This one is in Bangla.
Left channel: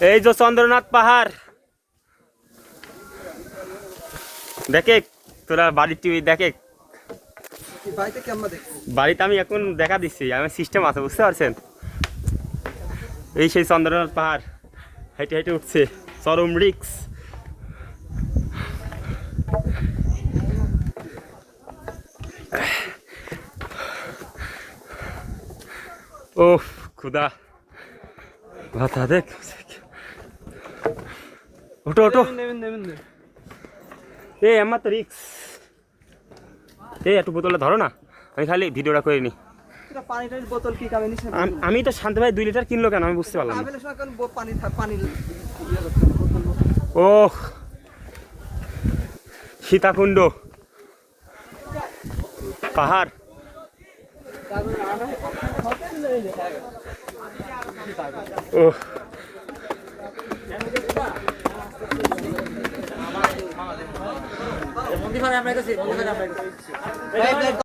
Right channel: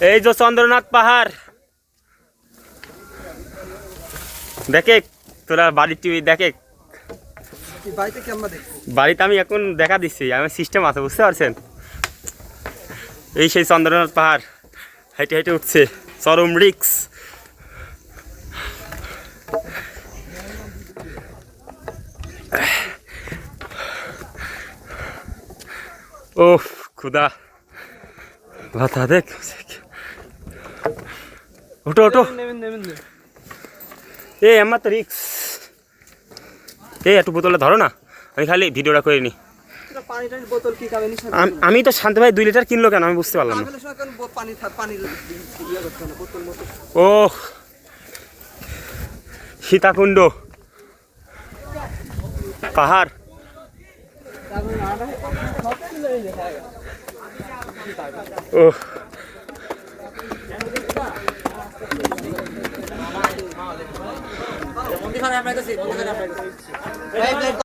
এই যে চন্দ্রনাথ পাহাড় দেখে তোরা বাড়ির টিভি দেখে। বাড়িতে আমি এখন দেখা দিচ্ছি, আমার সিস্টেম আছে, বুঝতে পারছেন? এই সেই চন্দ্রনাথ পাহাড় হেঁটে হেঁটে উঠছে, চরম রিক্স। ও খুদা ভাতা দেখ, ওটো ওটো। এই আমার তো রিক্স। এই একটু বোতলে ধরো না, আমি খালি ভিডিওটা করে নিই। আমি তো শান্ত ভাই 2 লিটার কিনলো কেন আমি বুঝতে পারলাম না। ও সীতাকুণ্ড পাহাড়। ও